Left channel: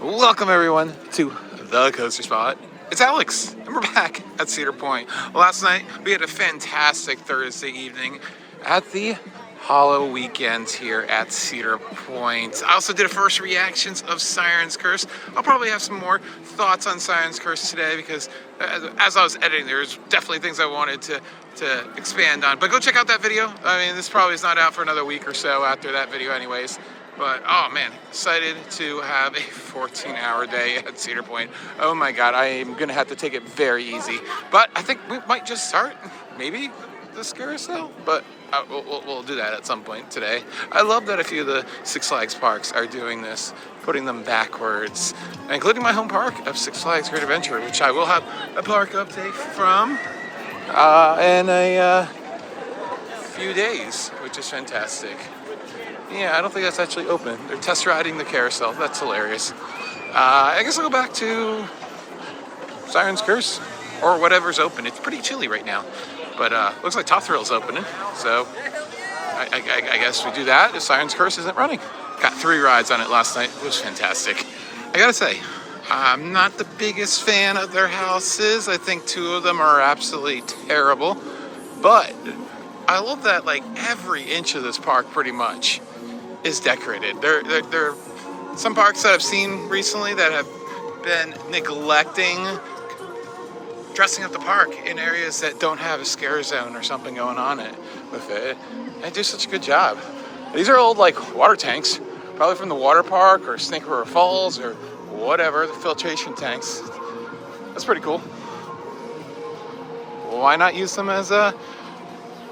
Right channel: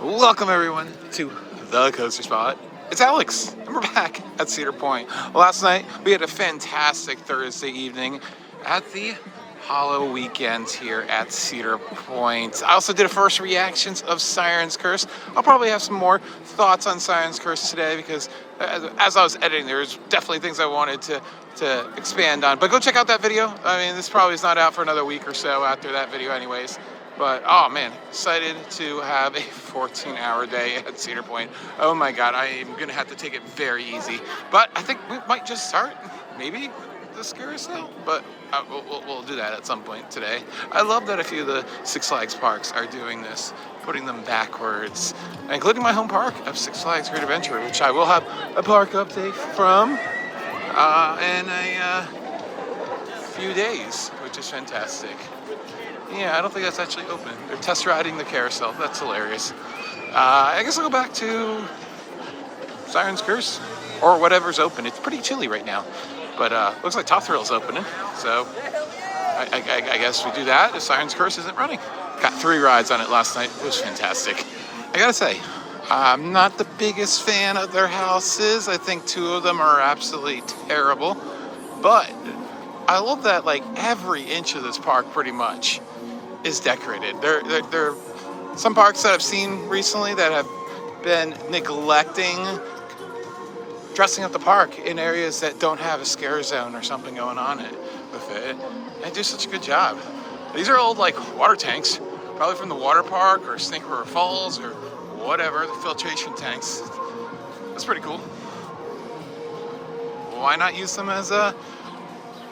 Welcome everyone to the Coaster Spot. It's Alex, and we're back at Cedar Point. Last night we had a fantastic Thursday evening at the Hollow Weekend here at Cedar Point. I also did a first reactions of Siren's Curse. I'll probably have some more thoughts on Siren's Curse today because as I was editing, there's definitely things I wanted to expand on. But go check out that video. I mean, this probably is not out for another week or so after that video anyways. But, oh man, excited to have a 14-hour day at Cedar Point. Oh my God, I am gonna have to take it very easy. But I think we might just start, maybe, the carousel, but we'll do that at some point today. I love that a few of the Six Flags parks are doing this, putting them backwards, including my home park of Six Flags Great Adventure, which I will have a park update from in a few days, which is fantastic. Yeah, I don't think that's actually open. They're test riding the carousel. That's hilarious. I guess I'll go back to Siren's Curse or whatever's open. It's pretty chilly right now, but looks like Top Thrill's opening. So I guess we do that if Siren's Curse isn't running. Got 3 rides on it last night. It was fantastic. I gotta say, I'm not the biggest fan of their houses. I think 2 of them are absolutely terrible, but I love that like every inch of this park pretty much is decorated. There are some parks that I've seen recently that have been neglecting dressing up the park in areas that don't have a scare zone or something going on with it. They do such a good job. These are old like water tanks, probably from the water park or Snake River Falls or whatever, the filtration tanks. That's pretty cool. Why not use them as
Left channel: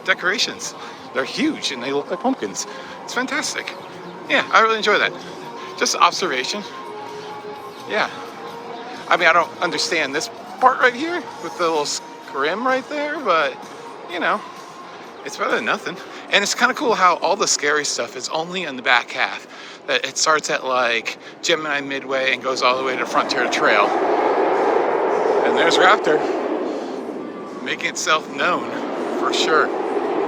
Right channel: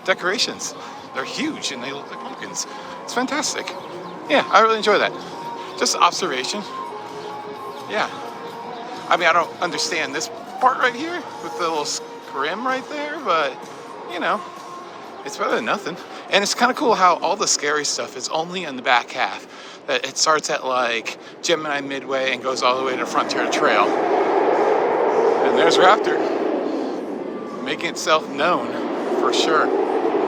decorations? They're huge and they look like pumpkins. It's fantastic. Yeah, I really enjoy that. Just observation. Yeah. I mean, I don't understand this part right here with the little scrim right there, but you know, it's better than nothing. And it's kind of cool how all the scary stuff is only in the back half. It starts at like Gemini Midway and goes all the way to Frontier Trail. And there's Raptor making itself known for sure.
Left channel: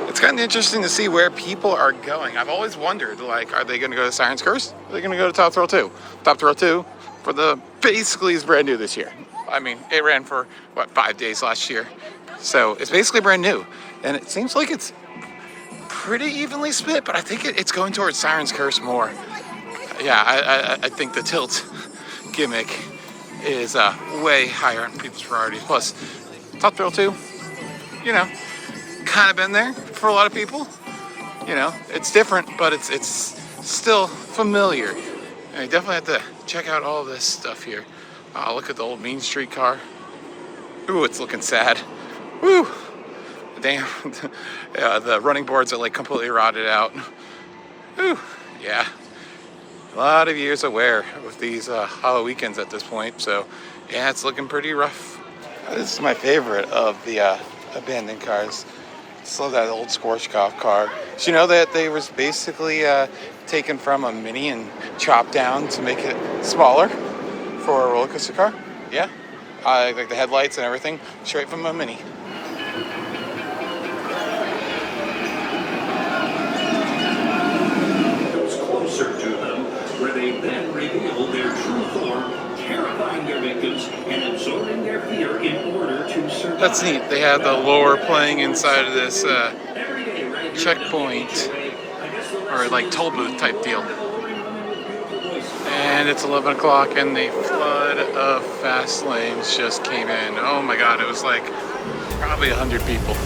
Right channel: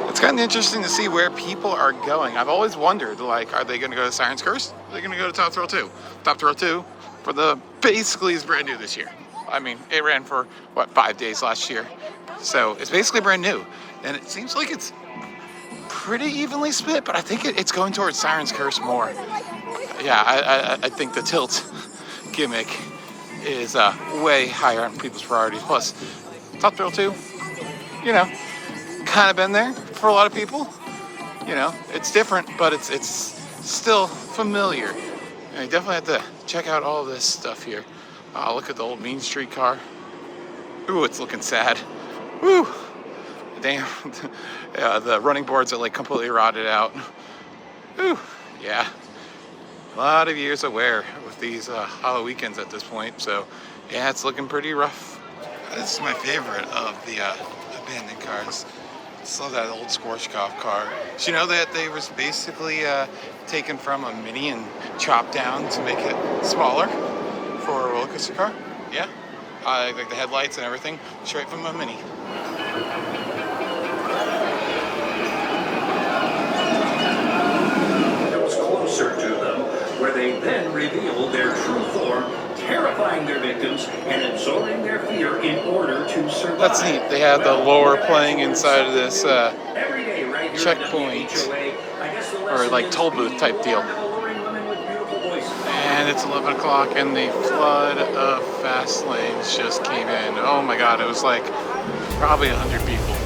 It's kind of interesting to see where people are going. I've always wondered, like, are they going to go to Siren's Curse? Are they going to go to Top Thrill 2? Top Thrill 2 basically is brand new this year. I mean, it ran for, 5 days last year. So it's basically brand new. And it seems like it's pretty evenly split, but I think it's going towards Siren's Curse more. Yeah, I think the tilt gimmick is way higher on people's priority. Plus, Top Thrill 2, you know, kind of been there for a lot of people. You know, it's different, but it's still familiar. And you definitely have to check out all this stuff here. Look at the old Mean Street car. Ooh, it's looking sad. Woo! Damn. The running boards are like completely rotted out. Ooh, yeah. A lot of years of wear with these Hollow Weekends at this point. So, yeah, it's looking pretty rough. This is my favorite of the abandoned cars. Just love that old Schwarzkopf car. Did you know that they was basically taken from a Mini and chopped down to make it smaller for a roller coaster car? Yeah, like the headlights and everything, straight from a Mini. Comes closer to them, where they then reveal their true form, terrifying their victims and absorbing their fear in order to survive. That's neat. They have the lore playing inside of this checkpoint or like toll booth type deal. And it's 11 o'clock and the flood of fast lanes just came in. Oh my God, it was like probably 100 people.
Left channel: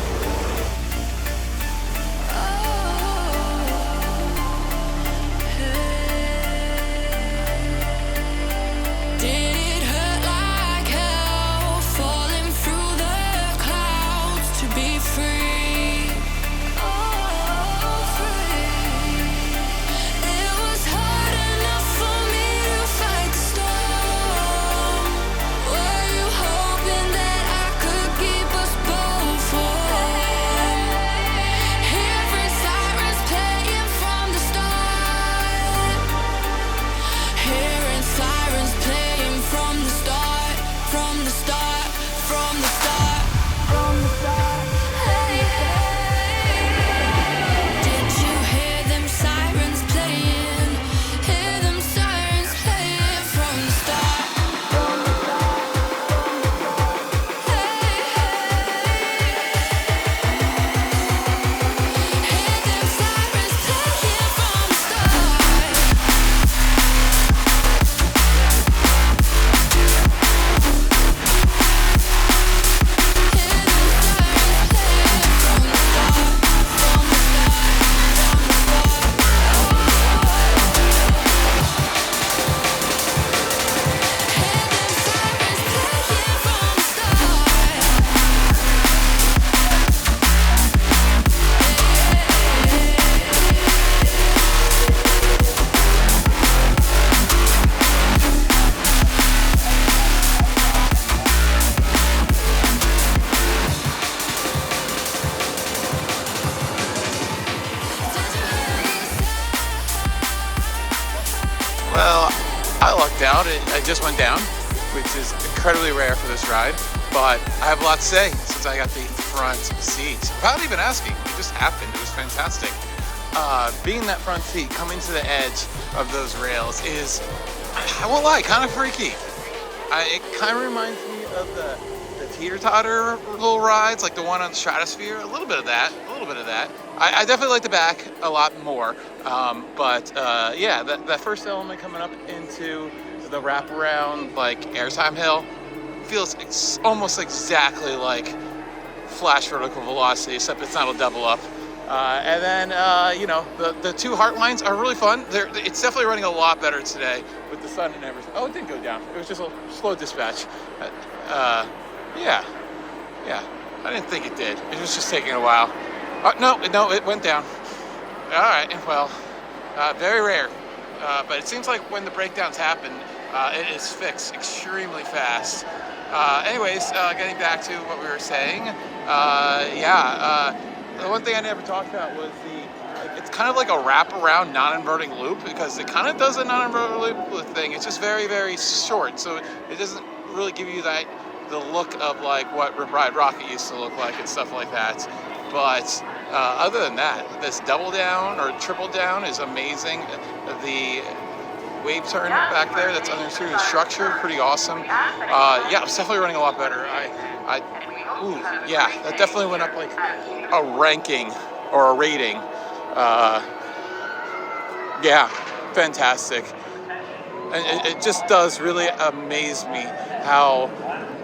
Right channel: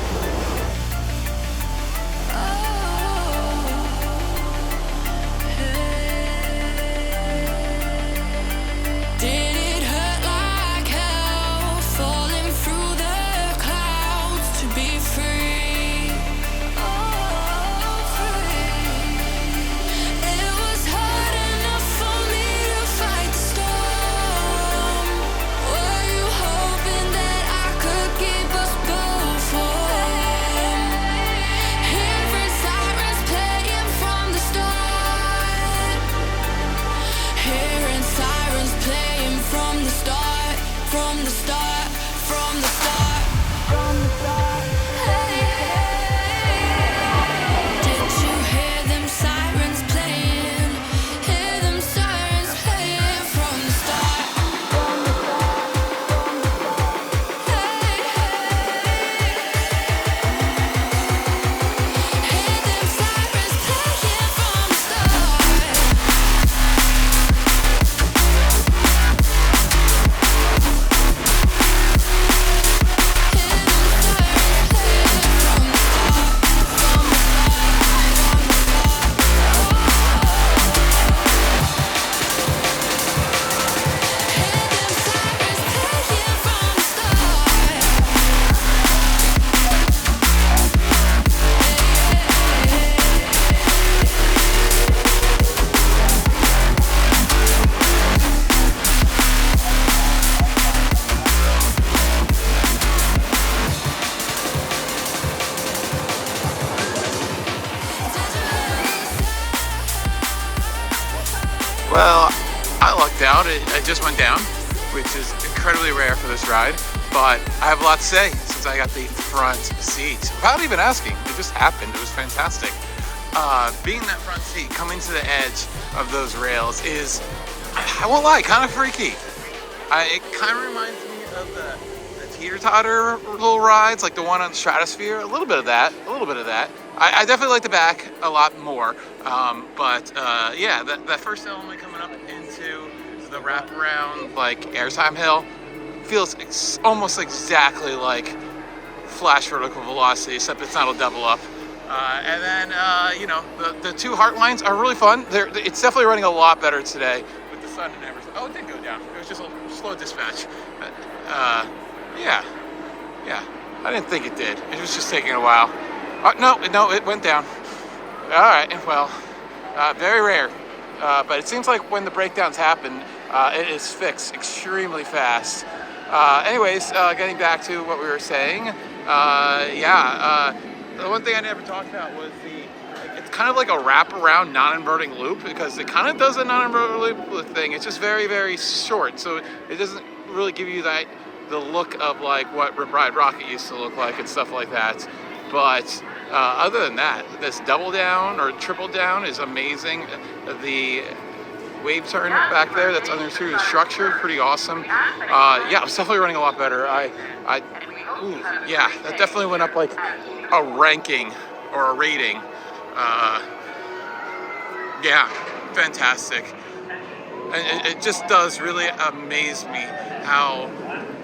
Well, I lucked out. I just went down, which is incredibly rare for this ride. But I have a lot to say since I got the front seat. Without even asking, it just happened. It was fantastic. Being that front seat, coming to the edge of those rails is, I won't lie, kind of freaky. It kind of reminds me of the teeter-totter little rides, like the one on Stratosphere. A little bit of that. I definitely like the back a lot more. Yeah, that first element coming up into the wraparound, like airtime hill, feels almost exactly like Flash Vertical Velocity, except it's not a double up. And then, the two heart lines are really fun. It's definitely running a lot better today with the sun and everything. Oh, it didn't go down. It was just a slow dispatch. Yeah. I didn't think it did. It was just taking a while. No, it went down. All right, well, very rare. But it seems like when the breakdowns happen, it is fixed extremely fast. Getting back to what we were saying, the one thing I never talked about was it's kind of like a wraparound non-inverting loop, because it kind of does a non-inverting loop thing. It's just very, very short, so it doesn't really give you the look of like what Rip Ride Rocket used to look like and stuff like that. But other than that, this double down or triple down is amazing. The wave turn back there that's under through the structure, pretty awesome. It's definitely running a lot better. That definitely went up like a ranking or a rating. Fantastic. And it just does really amaze me how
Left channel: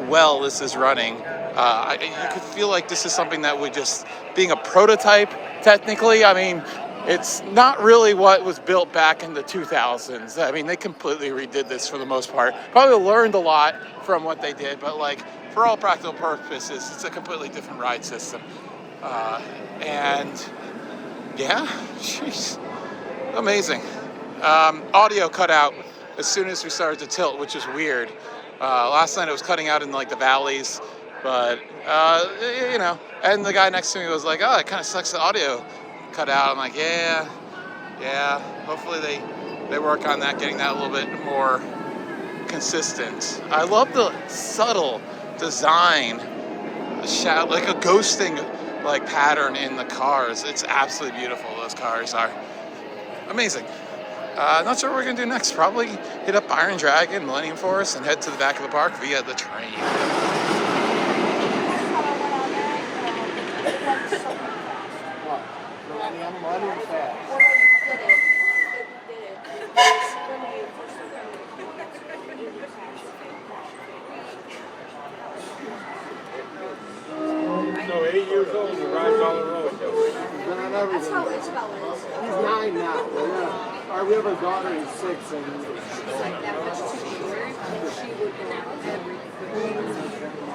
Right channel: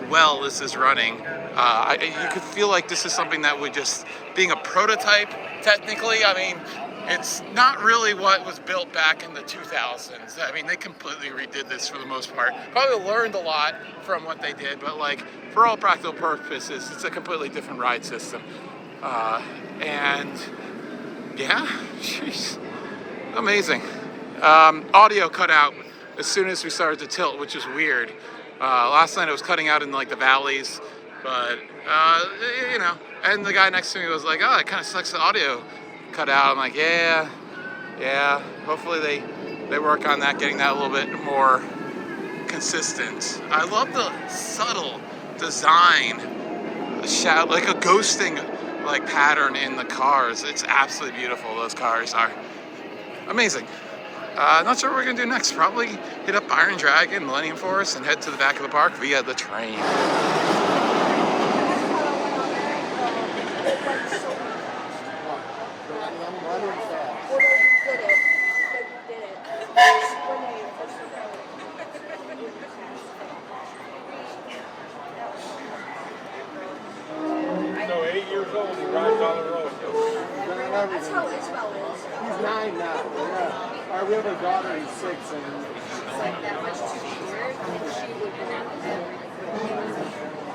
well this is running. You could feel like this is something that would just, being a prototype, technically, I mean, it's not really what was built back in the 2000s. I mean, they completely redid this for the most part. Probably learned a lot from what they did, but like, for all practical purposes, it's a completely different ride system. Jeez, amazing. Audio cut out as soon as we started to tilt, which is weird. Last night it was cutting out in like the valleys, but and the guy next to me was like, "Oh, it kind of sucks the audio cut out." I'm like, yeah. Hopefully they work on that, getting that a little bit more consistent. I love the subtle design, like a ghosting like pattern in the cars. It's absolutely beautiful. Those cars are amazing. Not sure what we're gonna do next. Probably hit up Iron Dragon, Millennium Forest, and head to the back of the park via the train. So 8 years old, around Dollar Road. That's how Isabel is. He's 9 now. We have a daughter who's 6, and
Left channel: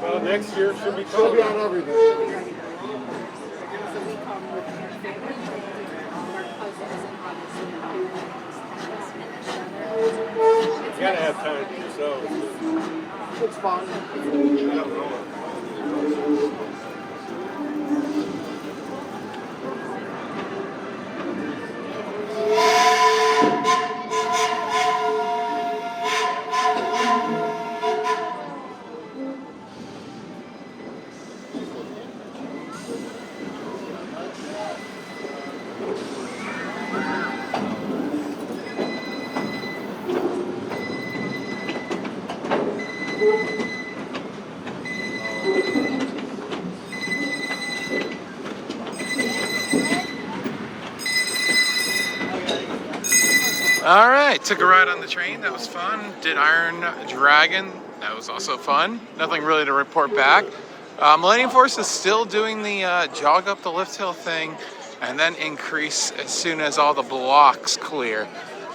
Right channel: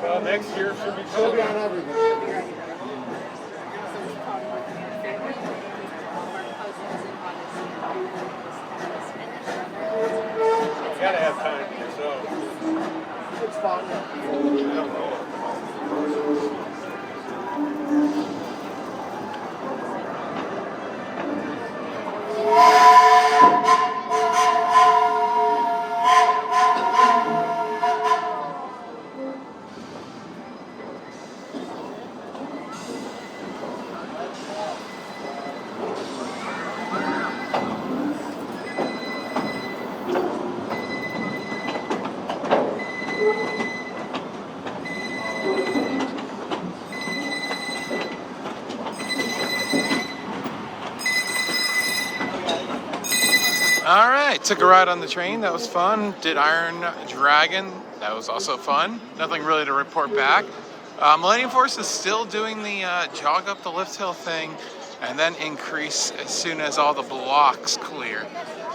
Well, next year should be she'll be cool. on everything. You gotta have time for yourself. It's fun. All right, took a ride on the train. That was fun. Did Iron Dragon. That was also fun. Nothing really to report back. Millennium Force is still doing the jog up the lift hill thing and then increase as soon as all the blocks clear.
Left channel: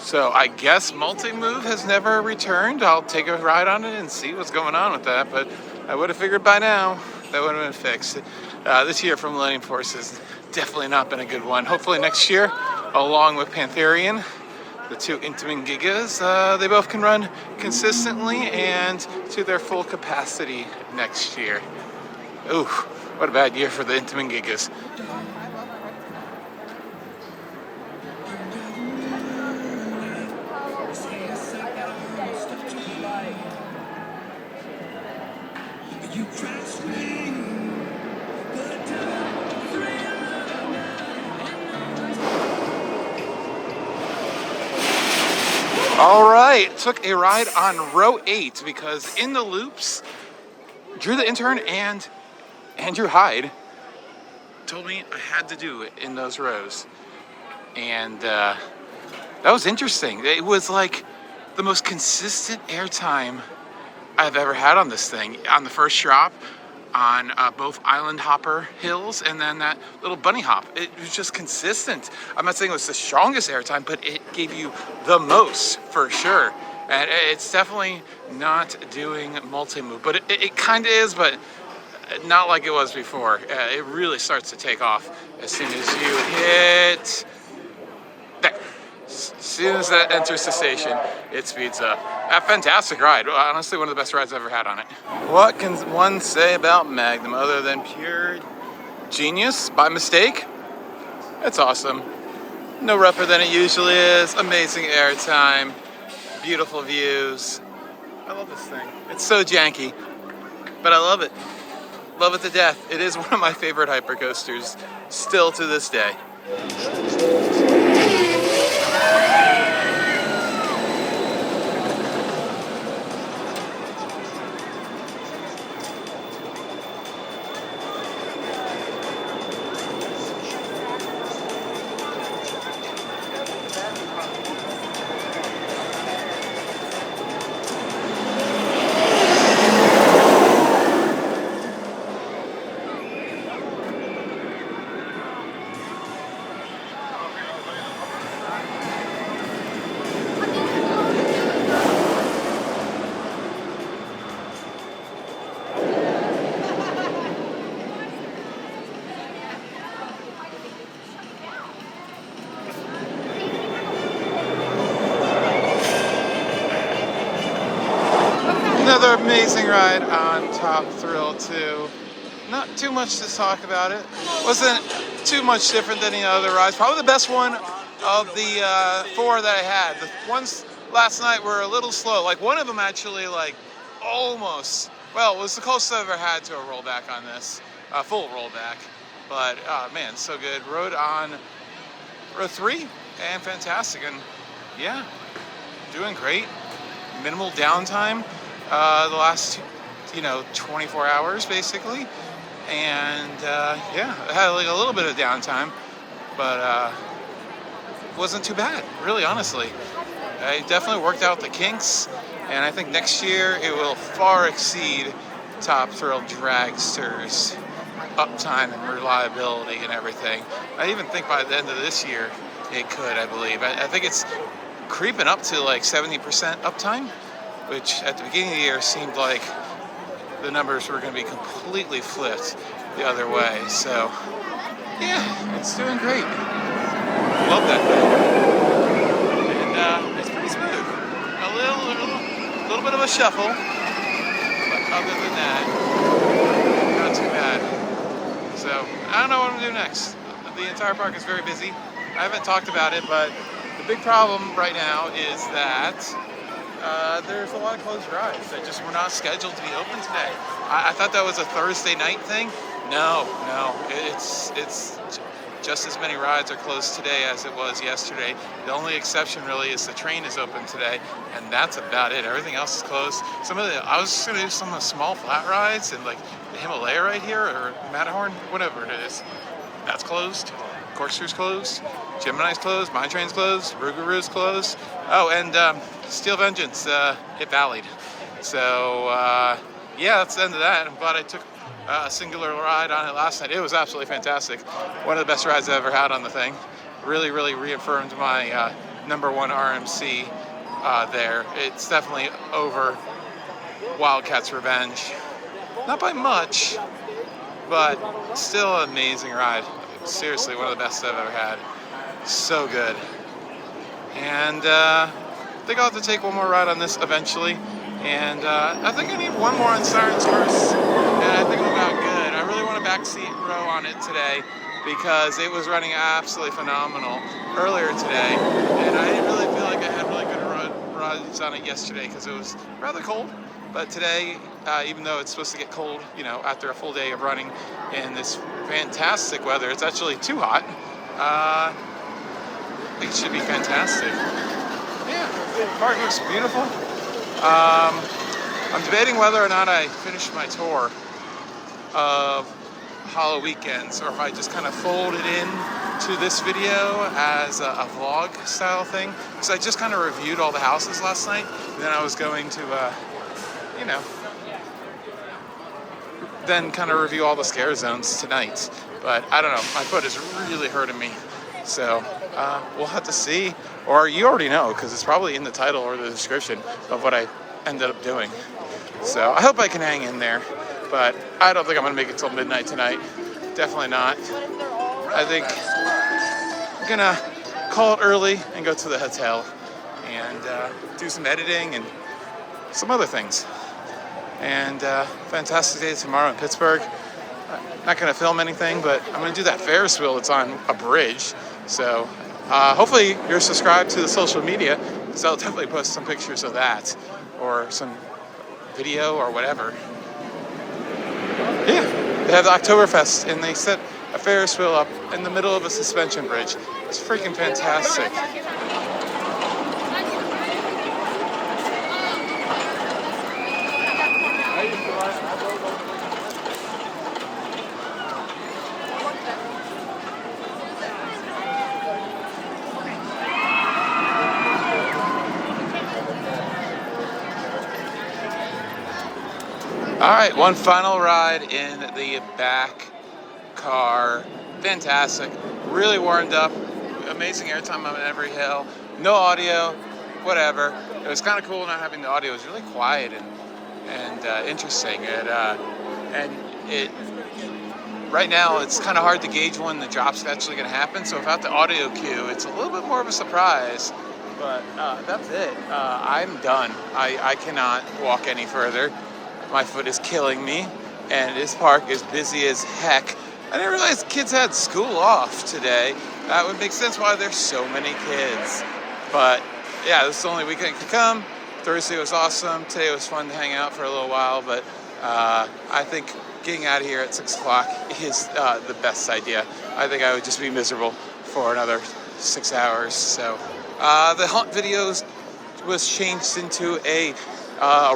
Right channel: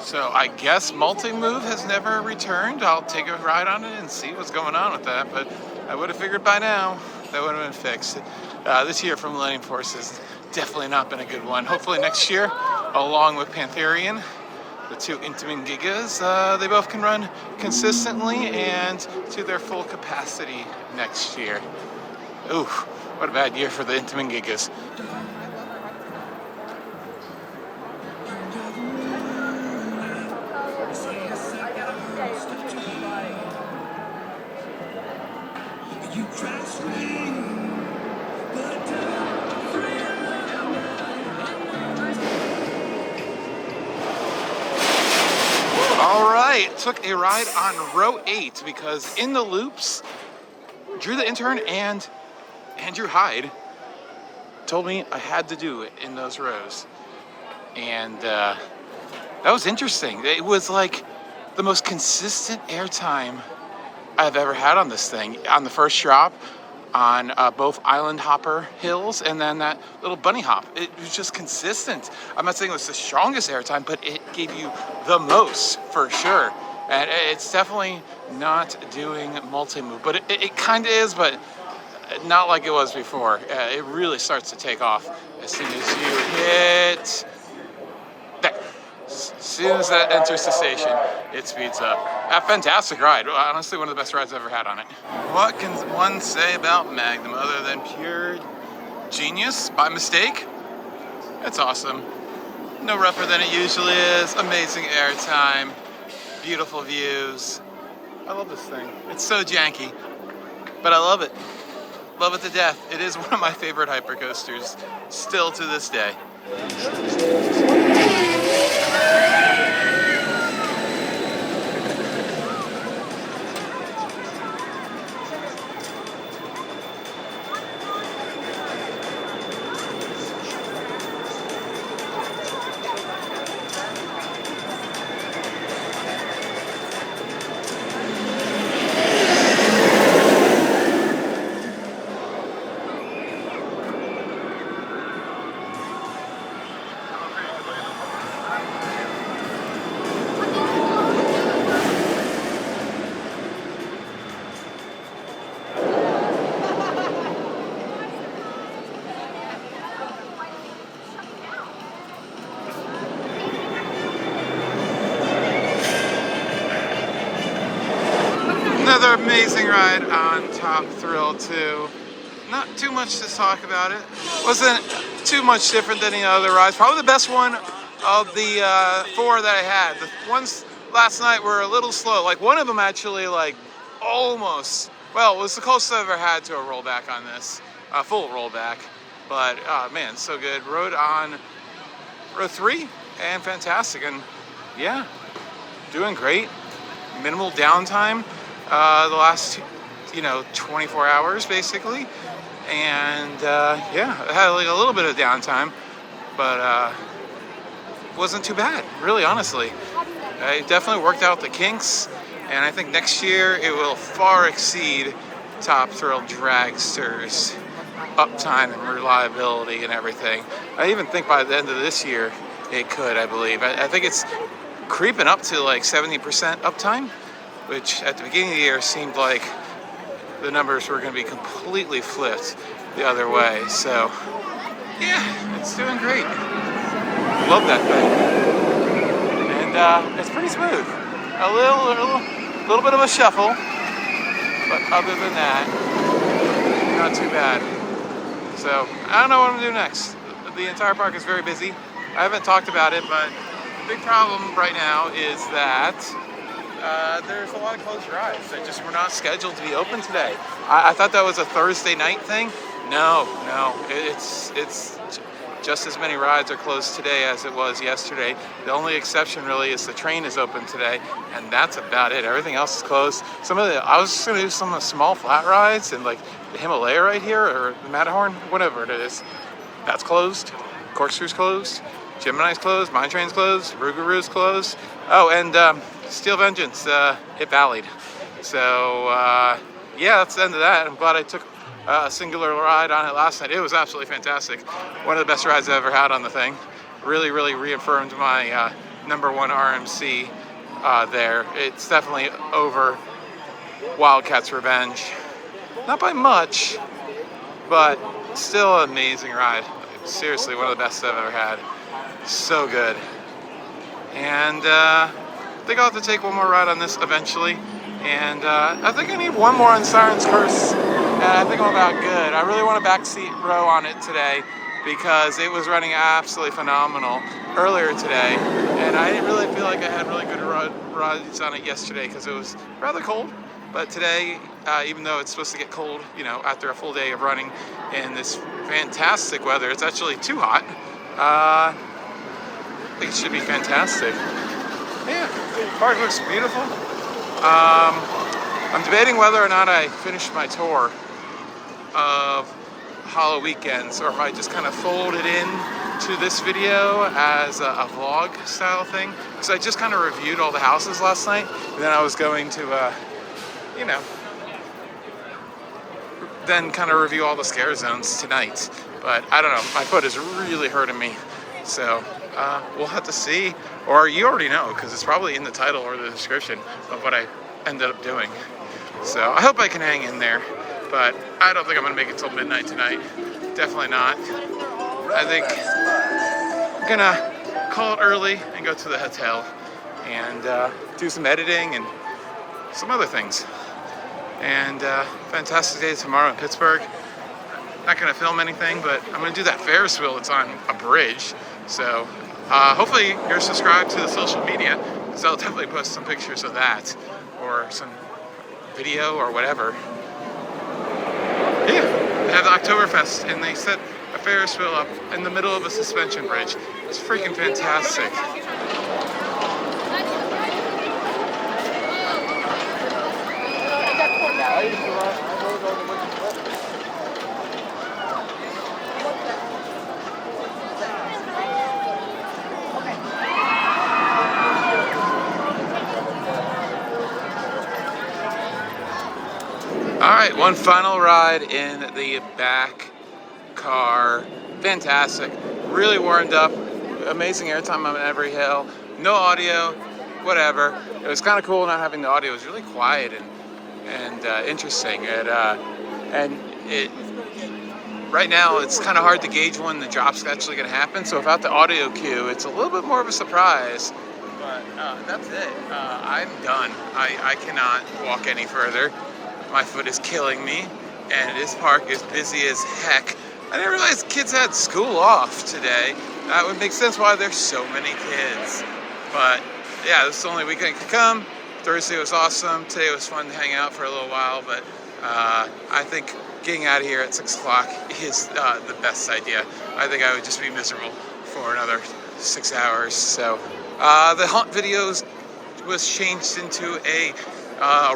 So I guess multi-move has never returned. I'll take a ride on it and see what's going on with that. But I would have figured by now that would have been fixed. This year from Millennium Force has definitely not been a good one. Hopefully next year, along with Pantherian, the two Intamin Gigas, they both can run consistently and to their full capacity next year. Ooh, what a bad year for the Intamin Gigas. All right, took a ride on row 8 because in the loops, Drew the intern and Andrew Hyde told me I had to do it in those rows. And that was interesting. It was like the most consistent airtime I've ever had on this thing. On the first drop, on both island hopper hills, and then that little bunny hop. It was just consistent. I'm not saying it was the strongest airtime, but it gave you the most for sure. And it's definitely not doing multi-move, but it kind of is, but not like it was before. It really starts to take off as soon as you hit there. As soon as that enters the station, it speeds up. A fantastic ride. Honestly, one of the best rides I've ever had on it. What can one say about Magnum other than pure genius by mistake? It's awesome. No rougher than it usually is. Amazing airtime. Beautiful views. I love this thing. It's so janky, but I love it. Love it to death. It is one of my favorite hypercoasters still to this day. Another amazing ride on Top Thrill 2. Not too much to talk about it. Wasn't too much different than the other rides. Probably the best one of the 4 that I had. The ones last night were a little slow. Like one of them actually like almost, well, it was the closest I've ever had to a rollback on this. Full rollback. But man, so good. Rode on row 3 and fantastic. And yeah, doing great. Minimal downtime. The last, 24 hours basically, and yeah, I had like a little bit of downtime, but wasn't too bad, really, honestly. I definitely worked out the kinks, and I think next year it will far exceed Top Thrill Dragster's uptime and reliability and everything. I even think by the end of this year it could, I believe. I think it's creeping up to like 70% uptime, which at the beginning of the year seemed like the numbers were going to be completely flipped the other way. So, yeah, it's doing great. Love that thing. And it's pretty smooth. A little bit of a shuffle, but other than that, not too bad. So, I don't know what I'm going to do next. The entire park is very busy. I haven't talked about it, but the big problem right now is that there's a lot of closed rides that just were not scheduled to be open today. I thought that was a Thursday night thing. No, it's just as many rides are closed today as it was yesterday. The only exception really is the train is open today, and that's about it. Everything else is closed. I was just gonna do some of the small flat rides and like the Himalaya right here or the Matterhorn, whatever it is. That's closed. Corkscrew's closed. Gemini's closed. Mine Train's closed. Rougarou's closed. Oh, and Steel Vengeance, it vallied. So, yeah, that's the end of that. I'm glad I took a singular ride on it last night. It was absolutely fantastic. One of the best rides I've ever had on the thing. Really, really reaffirmed my #1 RMC there. It's definitely over Wildcat's Revenge. Not by much, but still an amazing ride. Seriously, one of the best I've ever had. So good. And I think I'll have to take one more ride on this eventually. And I think I need one more on Siren's first. And I think I'm about good. I really want a backseat row on it today because it was running absolutely phenomenal earlier today. And I didn't really feel like I had really good rides on it yesterday because it was rather cold. But today, even though it's supposed to get cold, you know, after a full day of running in this fantastic weather, it's actually too hot. I think it should be fantastic. Yeah, park looks beautiful. I'm debating whether or not I finish my tour of Hollow Weekends, or if I just kind of fold it in to this video as a vlog style thing, because I just kind of reviewed all the houses last night, and then I was going to you know, then kind of review all the scare zones tonight. But I don't know, my foot is really hurting me, so we'll have to see, or you already know because it's probably in the title or the description of what I ended up doing. So I hope I can hang in there, but I don't think I'm gonna make it till midnight tonight. Definitely not. I think I'm gonna call it early and go to the hotel and do some editing and some other things. And fantastic day tomorrow in Pittsburgh. Not gonna film anything, but I'm gonna do that Ferris wheel that's on a bridge. So hopefully you're subscribed to the social media, because I'll definitely post some pictures of that or some video or whatever. Yeah, they have the Oktoberfest and they set a Ferris wheel up in the middle of a suspension bridge. It's freaking fantastic. All right, one final ride in the back car. Fantastic, really warmed up, amazing airtime on every hill, no audio, whatever. It was kind of cool not having the audio. It was really quiet and interesting. Right now it's kind of hard to gauge when the drop's actually going to happen, so without the audio cue, it's a little bit more of a surprise. But that's it. I'm done. I cannot walk any further. My foot is killing me, and this park is busy as heck. I didn't realize kids had school off today. That would make sense why there's so many kids. But yeah, this is the only weekend I could come. Thursday was awesome. Today was fun to hang out for a little while, but I think getting out of here at 6 o'clock is the best idea. I think I would just be miserable for another 6 hours. So the haunt videos was changed into a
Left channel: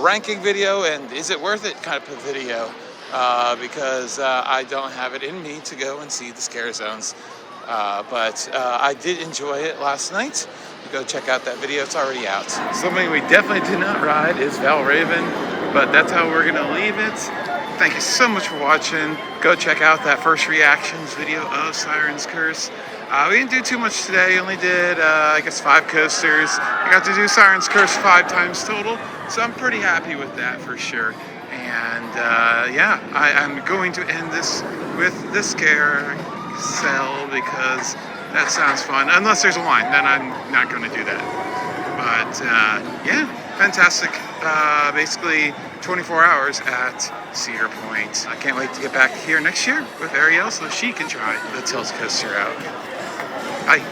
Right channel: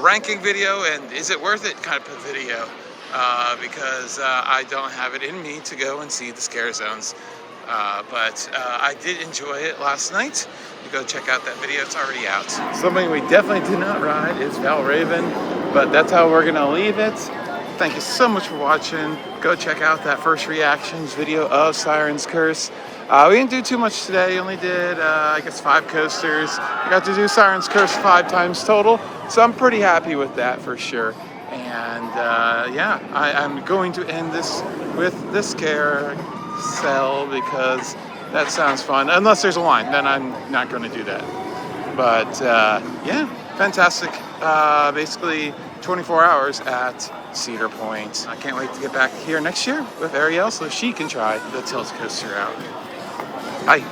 ranking video and is it worth it kind of video, because I don't have it in me to go and see the scare zones, but I did enjoy it last night. Go check out that video, it's already out. Something we definitely did not ride is Valraven, but that's how we're gonna leave it. Thank you so much for watching. Go check out that first reactions video of Siren's Curse. We didn't do too much today, only did I guess 5 coasters. I got to do Siren's Curse 5 times total, so I'm pretty happy with that for sure. And yeah, I'm going to end this with the scare cell because that sounds fun. Unless there's a line, then I'm not going to do that. But yeah, fantastic. Basically 24 hours at Cedar Point. I can't wait to get back here next year with Ariel so that she can try the tilt coaster out. Bye.